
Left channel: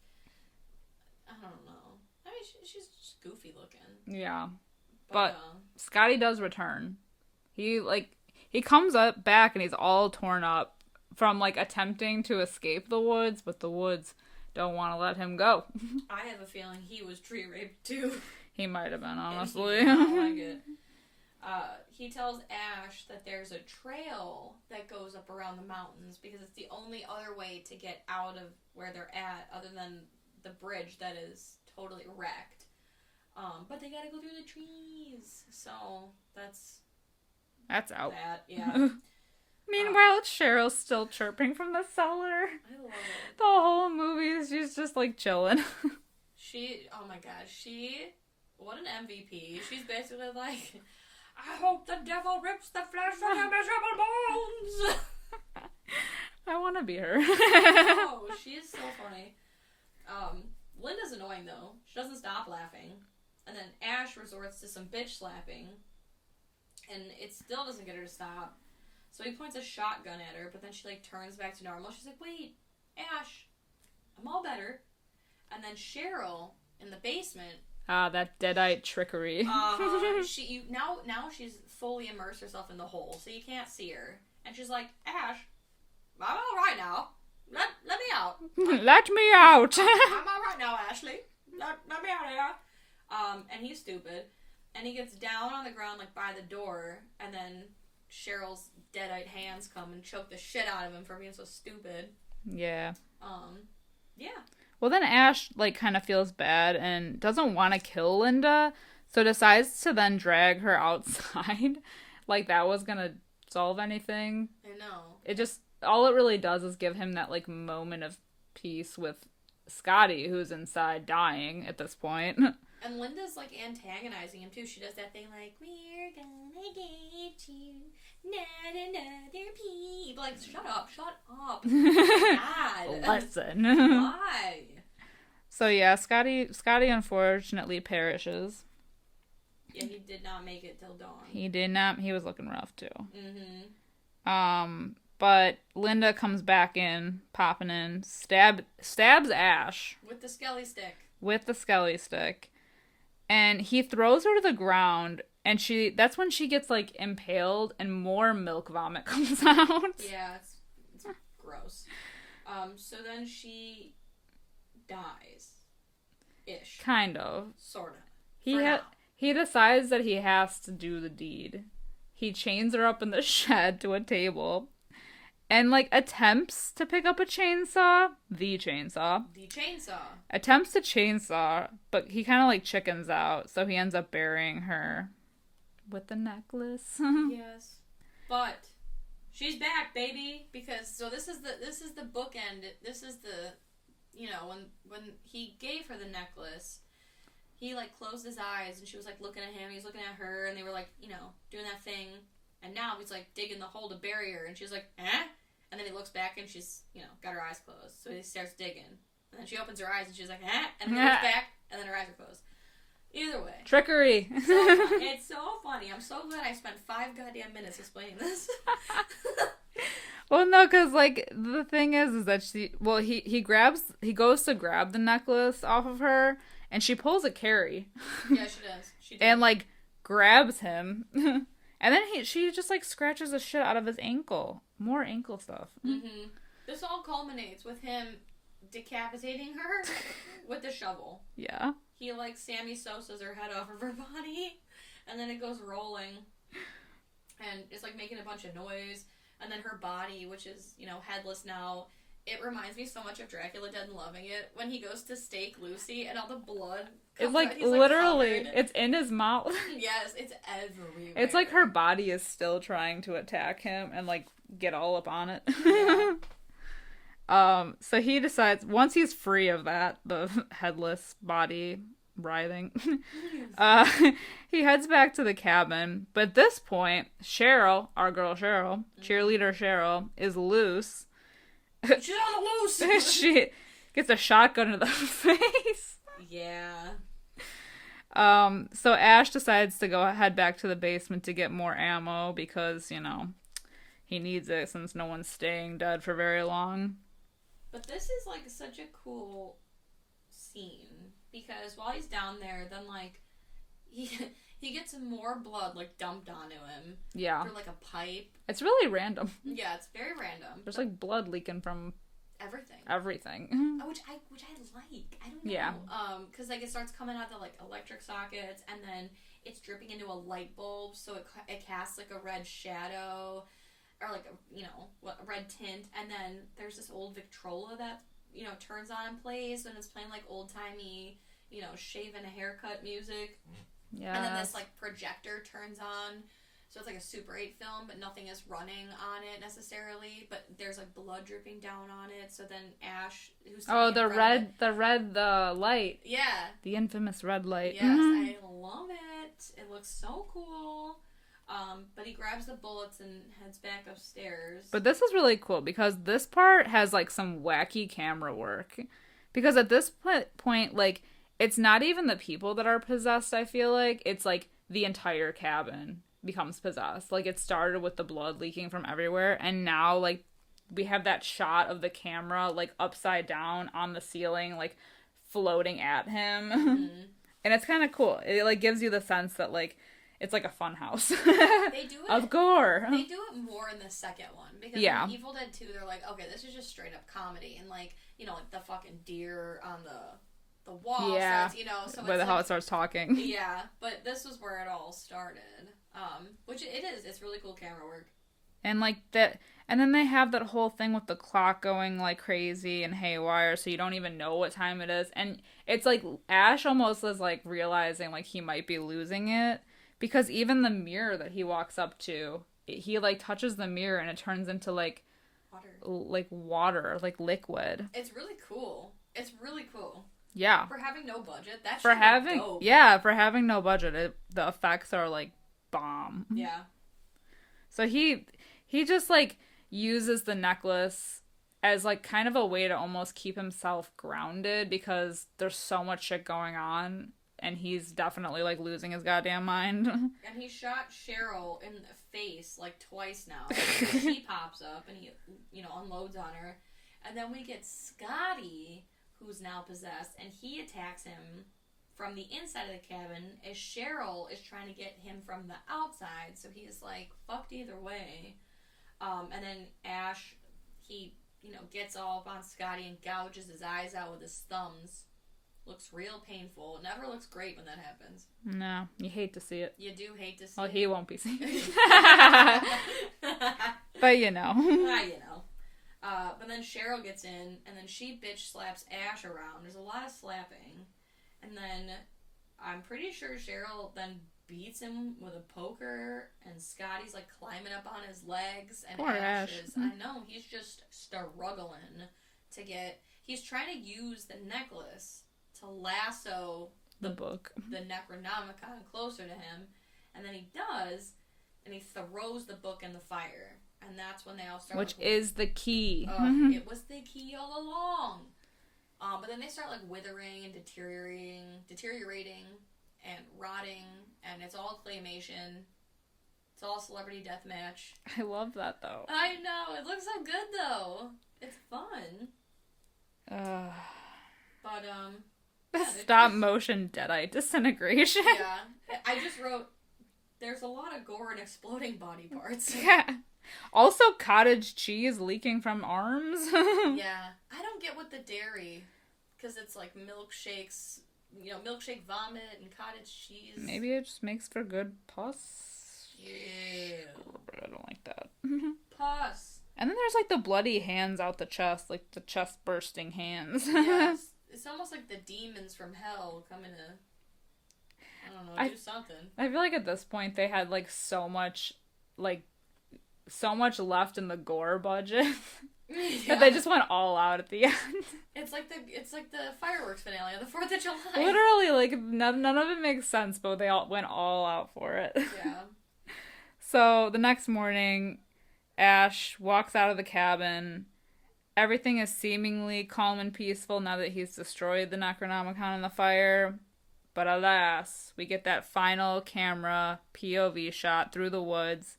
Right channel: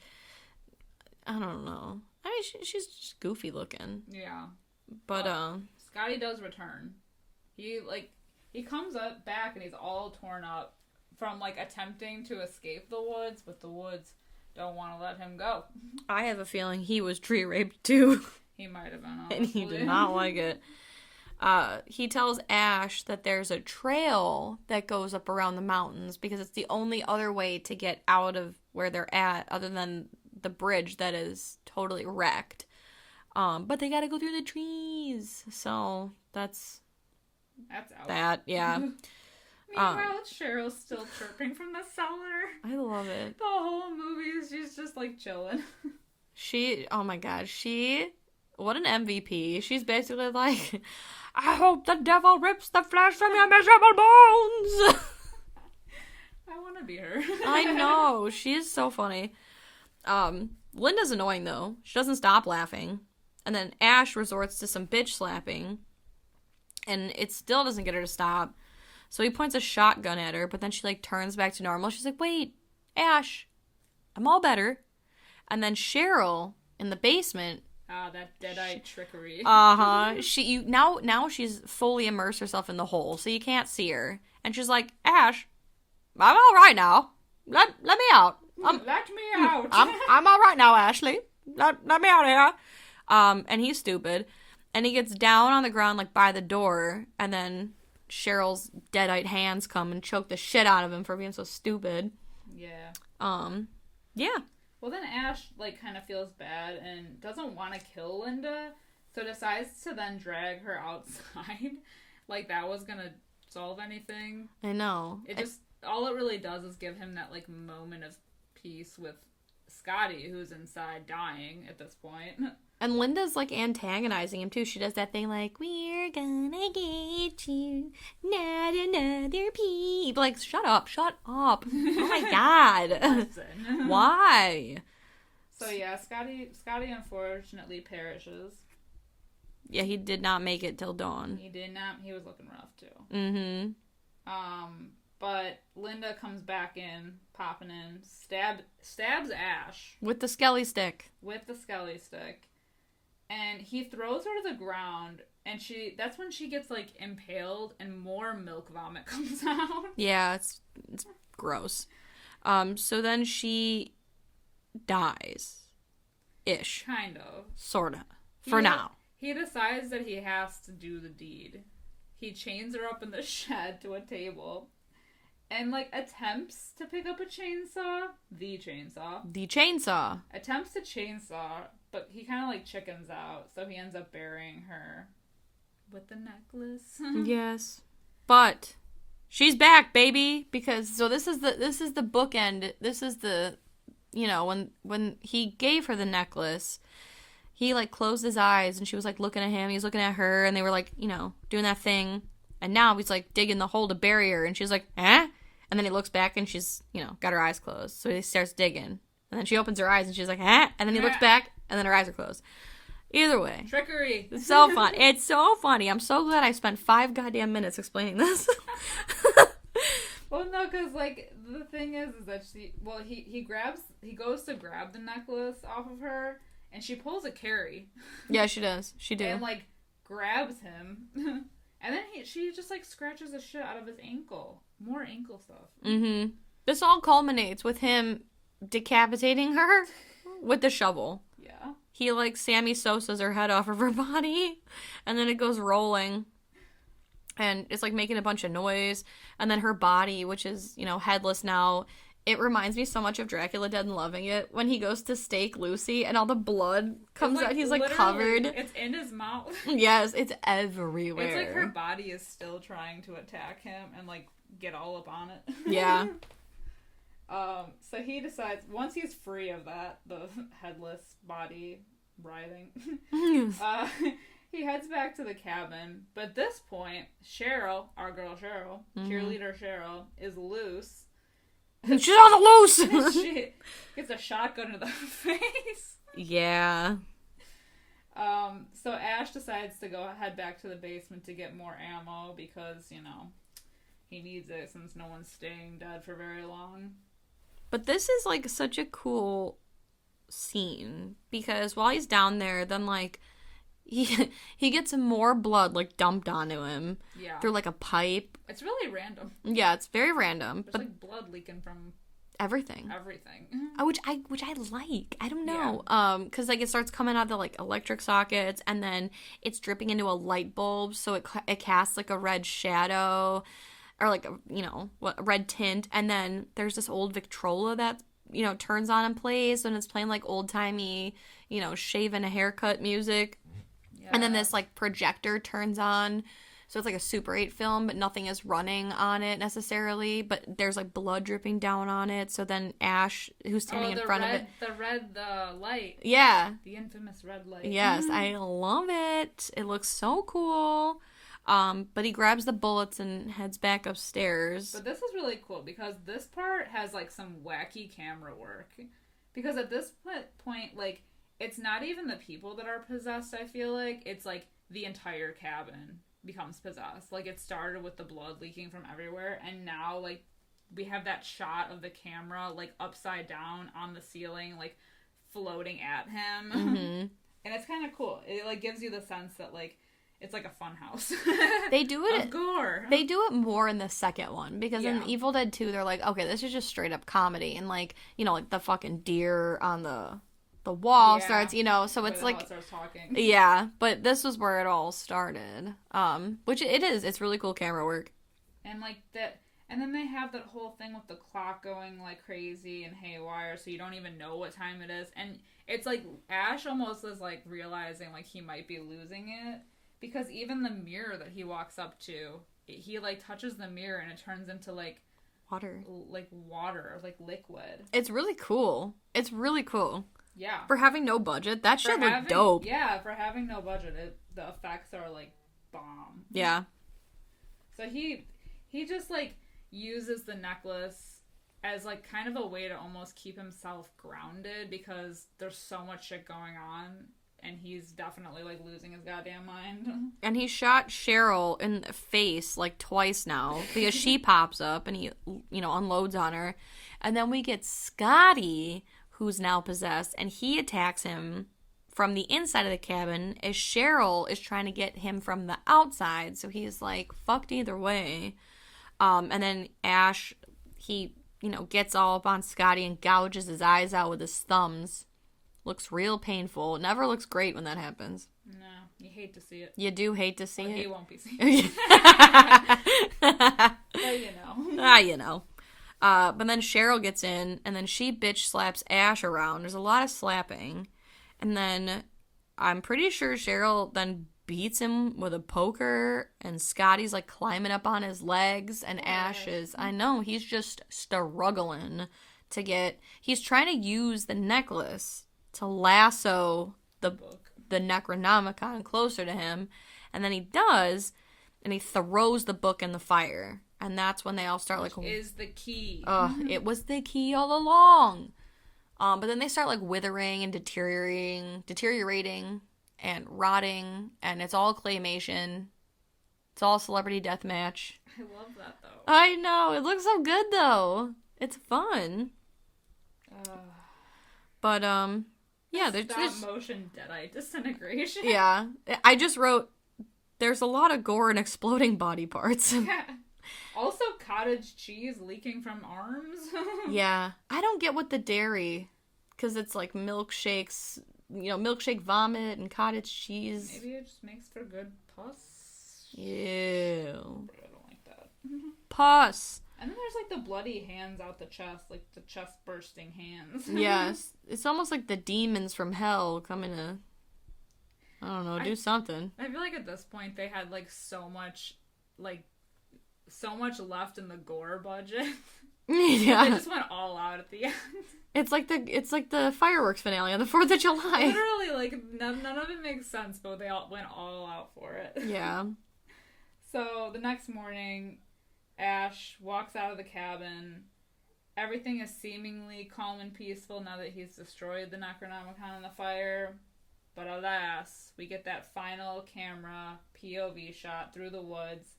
I don't know. I mean, she's just goofy looking. Yeah. But Scotty does return. He comes up back, and he's all torn up from, like, attempting to escape the woods, but the woods don't want to let him go. I have a feeling he was tree raped, too. He might have been, honestly. And he did not like it. He tells Ash that there's a trail that goes up around the mountains because it's the only other way to get out of where they're at other than the bridge that is totally wrecked. But they gotta go through the trees. So that's out. That, yeah. Meanwhile, Cheryl's still chirping from the cellar. I love it. The whole movie, she's just, like, chilling. Oh my god, what an MVP. She's basically like, I hope the devil rips the flesh from your miserable bones. I want to be her. I know. She is so funny. Linda's annoying, though. She doesn't stop laughing. And then Ash resorts to some bitch slapping. And it still doesn't get her to stop. So he points a shotgun at her, but then she, like, turns back to normal. She's like, wait, Ash, I'm all better. And then Cheryl, in the basement... that deadite trickery. Now she's fully immersed herself in the hole, so you can't see her. And she's like, Ash, I'm all right now. Let me out. Let me out. I'm all right now, Ashley. Let me out of here. And he's stupid. And he gets down on the ground, like, by the door, and then Cheryl's deadite hands come and choke the shit out of him for being so stupid. Yeah. Yeah. Well, then Ash, like, kind of feels bad and doesn't want to kill Linda, so decides to then drag her outside. Like, that was gonna solve anything. I know. All it really does is give him that, like, moment of peace with Scotty, who's inside dying at this point. And Linda's, like, antagonizing him, too. She does that thing like, we're gonna get you, not another peep. Like, shut up. Oh my god. Listen. Why? So, yeah, Scotty unfortunately perishes. Yeah, he did not make it till dawn. He did not. He was looking rough, too. Mm-hmm. But Linda comes back in, popping in, stabs Ash. With the skelly stick. And he throws her to the ground, and that's when she gets, like, impaled, and more milk vomit comes out. Yeah, it's gross. So then she dies. Ish. Kind of. Sorta. For now. He decides that he has to do the deed. He chains her up in the shed to a table, and, like, attempts to pick up a chainsaw. The chainsaw. Attempts to chainsaw, but he kind of, like, chickens out, so he ends up burying her with the necklace. Yes. But she's back, baby, because this is the bookend. This is the, you know, when he gave her the necklace, he, like, closed his eyes, and she was, like, looking at him, he was looking at her, and they were, like, you know, doing that thing. And now he's, like, digging the hole to bury her, and she's like, eh? And then he looks back, and she's, you know, got her eyes closed. So he starts digging. And then she opens her eyes, and she's like, eh? And then he looks back, and then her eyes are closed. Either way. Trickery. It's so fun. It's so funny. I'm so glad I spent 5 goddamn minutes explaining this. Well, no, because, like, the thing is that he goes to grab the necklace off of her, and she pulls a Carrie. Yeah, she does. She did. And, like, grabs him. And then she just, like, scratches the shit out of his ankle. More ankle stuff. Mm-hmm. This all culminates with him decapitating her with the shovel. Yeah. He, like, Sammy Sosa's her head off of her body, and then it goes rolling, and it's, like, making a bunch of noise, and then her body, which is, you know, headless now, it reminds me so much of Dracula Dead and Loving It, when he goes to stake Lucy, and all the blood comes out, he's, like, covered. It's in his mouth. Yes, it's everywhere. It's like her body is still trying to attack him, and, like, get all up on it. Yeah. So he decides, once he's free of that, the headless body writhing, he heads back to the cabin. But at this point, Cheryl, our girl Cheryl, cheerleader Cheryl, is loose. She's on the loose! She gets a shotgun to the face. Yeah. So Ash decides to head back to the basement to get more ammo because, you know, he needs it since no one's staying dead for very long. But this is, like, such a cool scene, because while he's down there, then, like, he gets more blood, like, dumped onto him. Yeah. Through, like, a pipe. It's really random. Yeah, it's very random. There's, like, blood leaking from everything. Which I like. I don't know. Yeah. Because, like, it starts coming out of the, like, electric sockets, and then it's dripping into a light bulb, so it casts, like, a red shadow. Or, like, you know, red tint. And then there's this old Victrola that, you know, turns on and plays. And it's playing, like, old-timey, you know, shave-and a haircut music. Yeah. And then this, like, projector turns on. So it's, like, a Super 8 film, but nothing is running on it, necessarily. But there's, like, blood dripping down on it. So then Ash, who's standing in front of it... the light. Yeah. The infamous red light. Yes, I love it. It looks so cool. But he grabs the bullets and heads back upstairs. But this is really cool because this part has, like, some wacky camera work. Because at this point, like, it's not even the people that are possessed, I feel like. It's, like, the entire cabin becomes possessed. Like, it started with the blood leaking from everywhere, and now, like, we have that shot of the camera, like, upside down on the ceiling, like, floating at him. Mm-hmm. And it's kind of cool. It, like, gives you the sense that, like, it's like a fun house. They do it. Of gore. They do it more in the second one. Because in Evil Dead 2, they're like, okay, this is just straight up comedy. And, like, you know, like the fucking deer on the wall starts, you know. So it's like... how it starts talking. Yeah. But this was where it all started. Which it is. It's really cool camera work. And, like, that... And then they have that whole thing with the clock going, like, crazy and haywire, so you don't even know what time it is. And it's, like, Ash almost is, like, realizing, like, he might be losing it. Because even the mirror that he walks up to, he, like, touches the mirror and it turns into, like... water, like liquid. It's really cool. It's really cool. Yeah. For having no budget, that shit looked dope. Yeah, for having no budget, the effects are, like, bomb. Yeah. So he just, like, uses the necklace as, like, kind of a way to almost keep himself grounded because there's so much shit going on. And he's definitely, like, losing his goddamn mind. And he shot Cheryl in the face, like, twice now. Because she pops up and he, you know, unloads on her. And then we get Scotty, who's now possessed. And he attacks him from the inside of the cabin as Cheryl is trying to get him from the outside. So he's, like, fucked either way. And then Ash, he, you know, gets all up on Scotty and gouges his eyes out with his thumbs. Looks real painful. It never looks great when that happens. No, you hate to see it. You do hate to see it. He won't be seeing it. But you know. You know. But then Cheryl gets in, and then she bitch slaps Ash around. There's a lot of slapping. And then I'm pretty sure Cheryl then beats him with a poker, and Scotty's, like, climbing up on his legs, and Ash is, I know, he's just struggling to get... He's trying to use the necklace to lasso the Necronomicon closer to him, and then he does, and he throws the book in the fire, and that's when they all start, which is the key. It was the key all along. But then they start, like, withering and deteriorating and rotting, and it's all claymation. It's all celebrity deathmatch. I love that, though. I know, it looks so good, though. It's fun. But Yeah, stop motion deadite disintegration. Yeah. I just wrote, there's a lot of gore and exploding body parts. Yeah. Also, cottage cheese leaking from arms. Yeah. I don't get what the dairy, because it's like milkshakes, milkshake vomit and cottage cheese. Maybe it just makes for good pus. Ew. I don't like that. Pus. And then there's like the bloody hands out the chest, like the chest bursting hands. Yes. It's almost like the demons from hell coming to, I don't know, do something. I feel like at this point they had like so much left in the gore budget. Yeah. They just went all out at the end. It's like the fireworks finale on the 4th of July. Literally, like none of it makes sense, but they all went all out for it. Yeah. So the next morning, Ash walks out of the cabin. Everything is seemingly calm and peaceful now that he's destroyed the Necronomicon in the fire. But alas, we get that final camera POV shot through the woods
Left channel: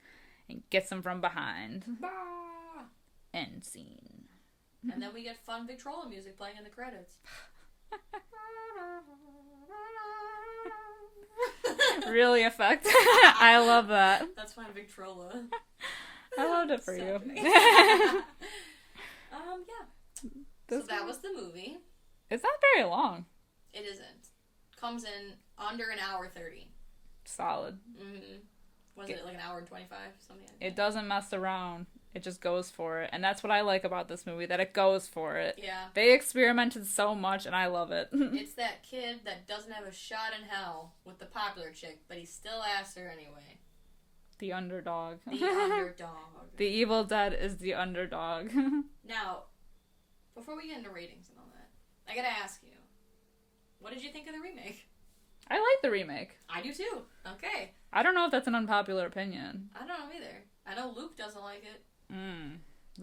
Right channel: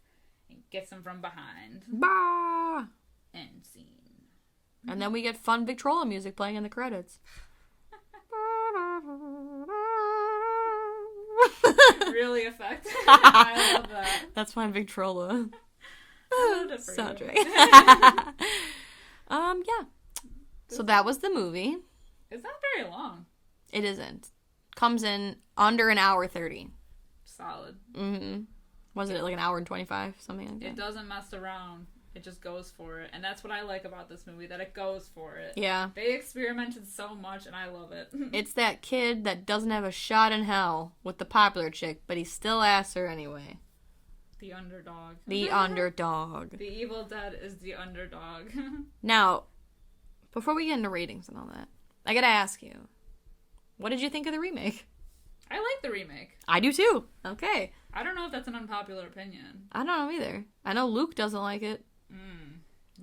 and gets him from behind. Bah! End scene. And then we get fun Victrola music playing in the credits. Really effective. I love that. That's my Victrola. I loved it for soundtrack. you. Yeah. So that was the movie. It's not very long. It isn't. Comes in under an hour 30. Solid. Mm-hmm. Wasn't it like an hour and 25? Something like that. It doesn't mess around. It just goes for it. And that's what I like about this movie, that it goes for it. Yeah. They experimented so much, and I love it. It's that kid that doesn't have a shot in hell with the popular chick, but he still asks her anyway. The underdog. The underdog. The Evil Dead is the underdog. Now, before we get into ratings and all that, I gotta ask you, what did you think of the remake? I like the remake. I do too. Okay. I don't know if that's an unpopular opinion. I don't know either. I know Luke doesn't like it.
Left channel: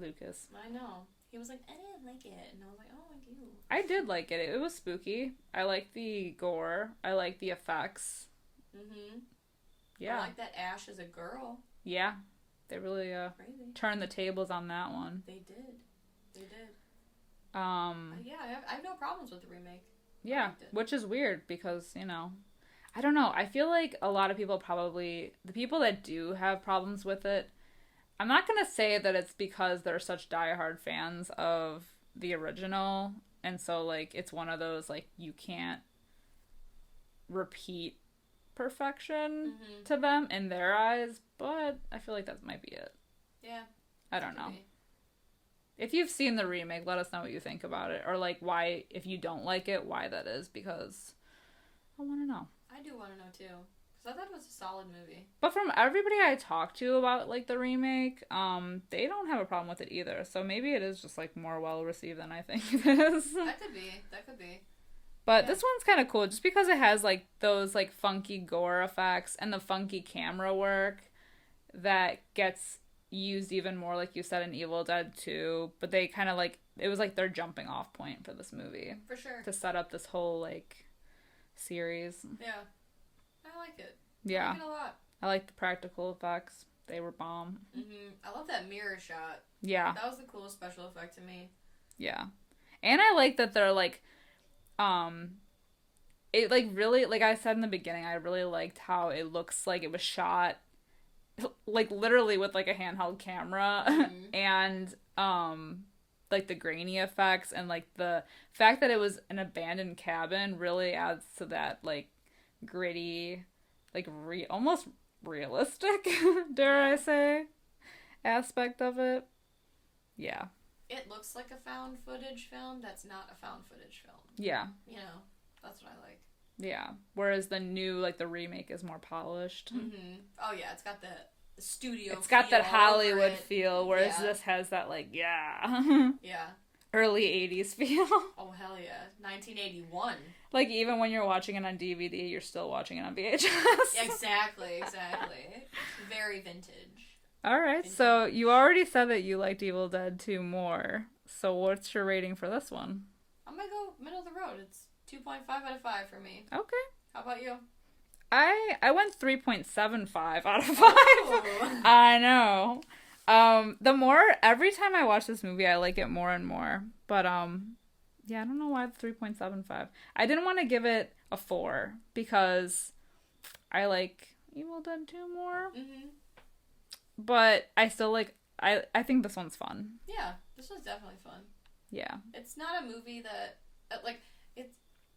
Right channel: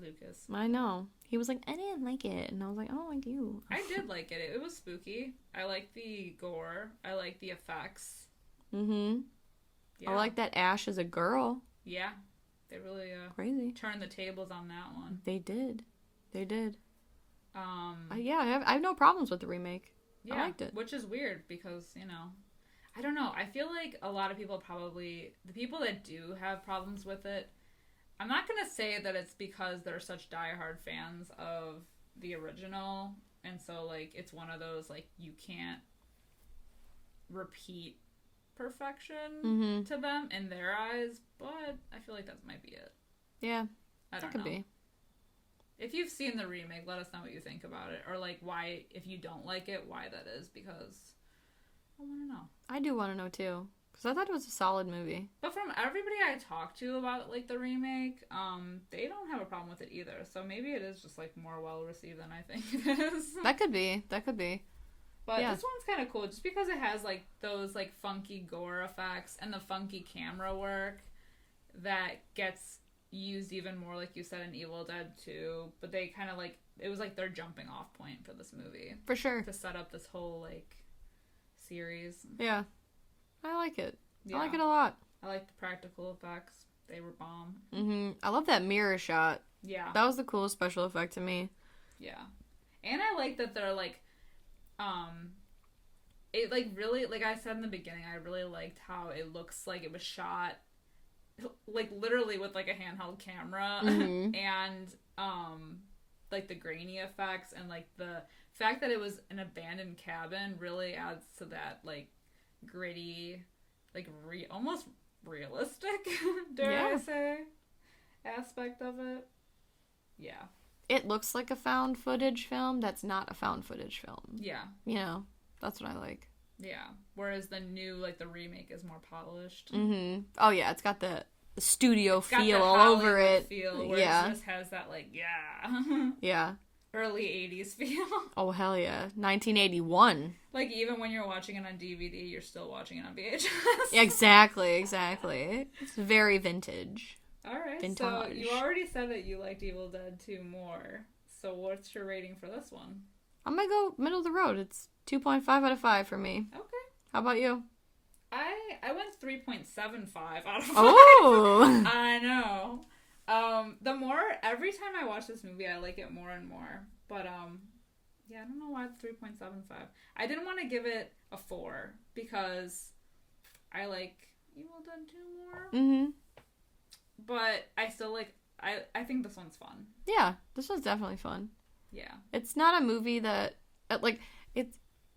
Lucas. I know. He was like, I didn't like it. And I was like, I don't like you. I did like it. It was spooky. I liked the gore. I liked the effects. Mm-hmm. Yeah. I like that Ash is a girl. Yeah. They really crazy turned the tables on that one. They did. They did. Yeah, I have no problems with the remake. Yeah, I liked it. which is weird because, I don't know. I feel like a lot of people the people that do have problems with it, I'm not going to say that it's because they're such diehard fans of the original, and so, like, it's one of those, like, you can't repeat perfection to them in their eyes, but I feel like that might be it. Yeah. I don't know. Be. If you've seen the remake, let us know what you think about it, or, like, why, if you don't like it, why that is, because I want to know. I do want to know, too. Because I thought it was a solid movie. But from everybody I talked to about, like, the remake, they don't have a problem with it either. So maybe it is just, like, more well-received than I think it is. That could be. But this one's kind of cool just because it has, like, those, like, funky gore effects and the funky camera work that gets used even more, like you said, in Evil Dead 2. But they kind of, like, it was, like, their jumping off point for this movie. For sure. To set up this whole, like, series. Yeah. I like it. Yeah. I like it a lot. I like the practical effects. They were bomb. Mm-hmm. I love that mirror shot. Yeah. That was the coolest special effect to me. Yeah. And I like that they're, like, it, like, really, like I said in the beginning, I really liked how it looks like it was shot, like, literally with, like, a handheld camera. And, like, the grainy effects and, like, the fact that it was an abandoned cabin really adds to that, like, gritty, like, almost realistic, dare I say, aspect of it. Yeah. It looks like a found footage film that's not a found footage film. Yeah. That's what I like. Yeah. Whereas the new, like, the remake is more polished. Mm-hmm. Oh, yeah. It's got the studio it's feel got the all Hollywood over it. feel, whereas this has that, like, yeah. early 80s feel. Oh, hell yeah. 1981. Like, even when you're watching it on DVD, you're still watching it on VHS. Exactly. It's very vintage. Alright, Vintage. so you already said that you liked Evil Dead 2 more. So what's your rating for this one? I'm gonna go middle of the road. It's 2.5 out of 5 for me. Okay. How about you? I went 3.75 out of 5. Oh! I know. Every time I watch this movie, I like it more and more. But, Yeah, I don't know why the 3.75. I didn't want to give it a 4 because I like Evil Dead 2 more. Mm-hmm. But I still like... I think this one's fun. Yeah, this one's definitely fun. Yeah. It's not a movie that... Like, it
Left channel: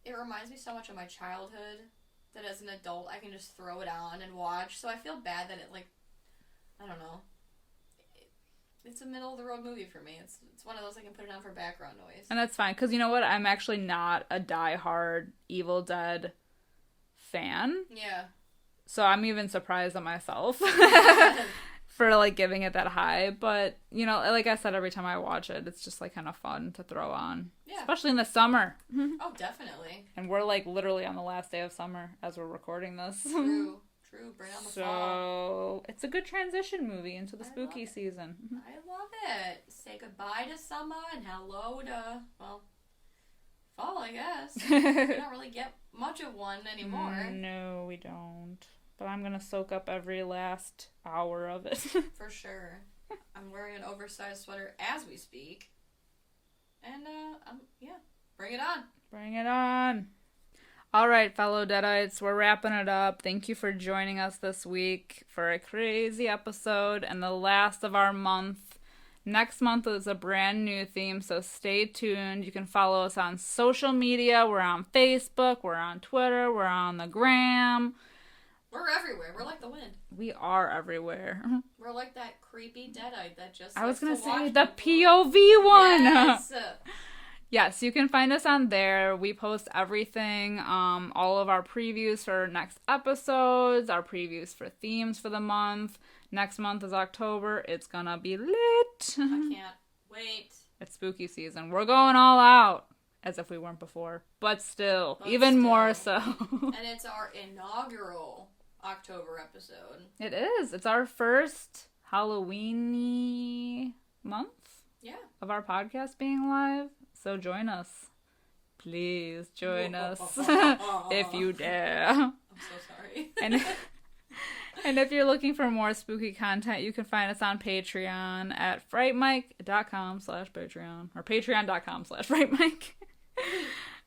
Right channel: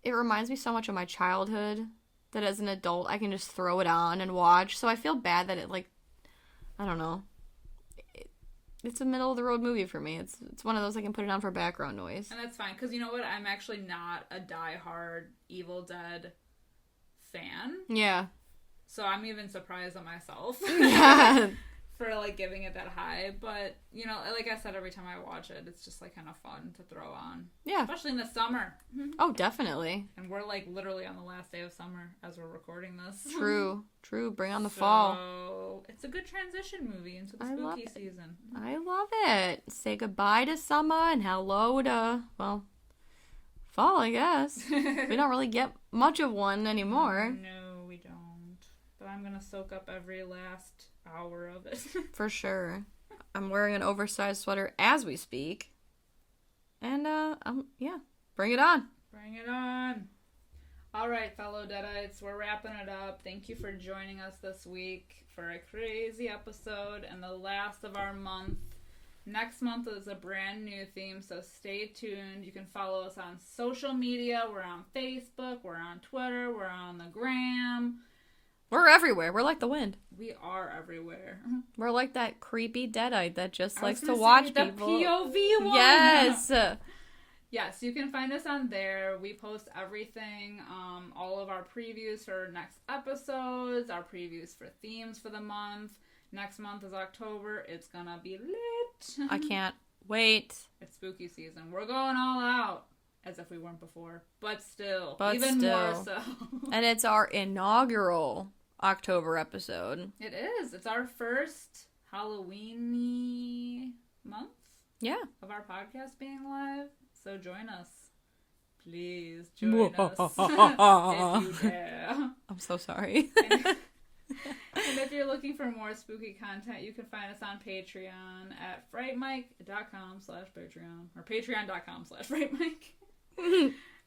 reminds me so much of my childhood that as an adult I can just throw it on and watch. So I feel bad that it, like... I don't know. It's a middle-of-the-road movie for me. It's one of those I can put it on for background noise. And that's fine, because you know what? I'm actually not a diehard Evil Dead fan. Yeah. So I'm even surprised at myself for, like, giving it that high. But, you know, like I said, every time I watch it, it's just, like, kind of fun to throw on. Yeah. Especially in the summer. Oh, definitely. And we're, like, literally on the last day of summer as we're recording this. True. Bring on the fall. So, it's a good transition movie into the spooky season. I love it. Say goodbye to summer and hello to, well, fall, I guess. We don't really get much of one anymore. No, we don't. But I'm gonna soak up every last hour of it. For sure. I'm wearing an oversized sweater as we speak. And, yeah, bring it on. Bring it on. All right, fellow deadites, we're wrapping it up. Thank you for joining us this week for a crazy episode and the last of our month. Next month is a brand new theme, so stay tuned. You can follow us on social media. We're on Facebook, we're on Twitter, we're on the gram. We're everywhere. We're like the wind. We are everywhere. We're like that creepy deadite that just likes to watch the people. POV one. Yes. Yes, you can find us on there. We post everything, all of our previews for next episodes, our previews for themes for the month. Next month is October. It's gonna be lit. I can't wait. It's spooky season. We're going all out. As if we weren't before. But still. Even more so. And it's our inaugural October episode. It is. It's our first Halloween-y month. Yeah. Of our podcast being live. So join us. Please join us. If you dare. I'm so sorry. And if you're looking for more spooky content, you can find us on Patreon at frightmike.com/Patreon. Or patreon.com/frightmike.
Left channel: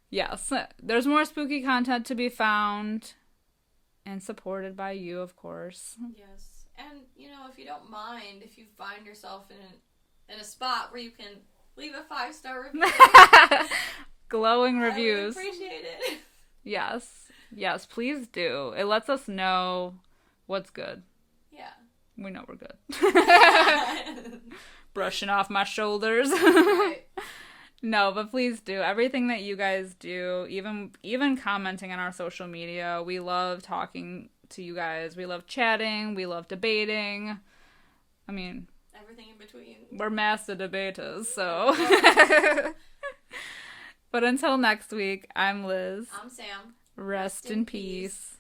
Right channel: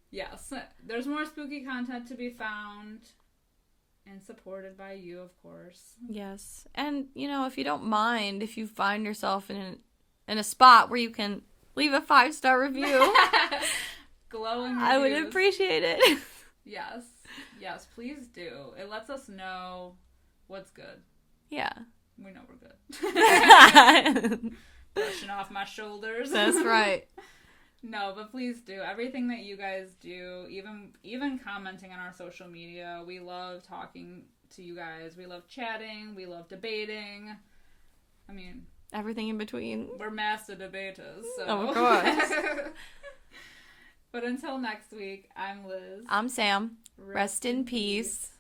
Yes, there's more spooky content to be found and supported by you, of course. Yes, and you know, if you don't mind, if you find yourself in a spot where you can leave a 5-star review, glowing reviews, I would appreciate it. Yes, please do. It lets us know what's good. Yeah, we know we're good. Brushing off my shoulders. That's right. No, but please do. Everything that you guys do, even commenting on our social media, we love talking to you guys. We love chatting. We love debating. I mean... everything in between. We're master debaters, so... Oh, but until next week, I'm Liz. I'm Sam. Rest in peace.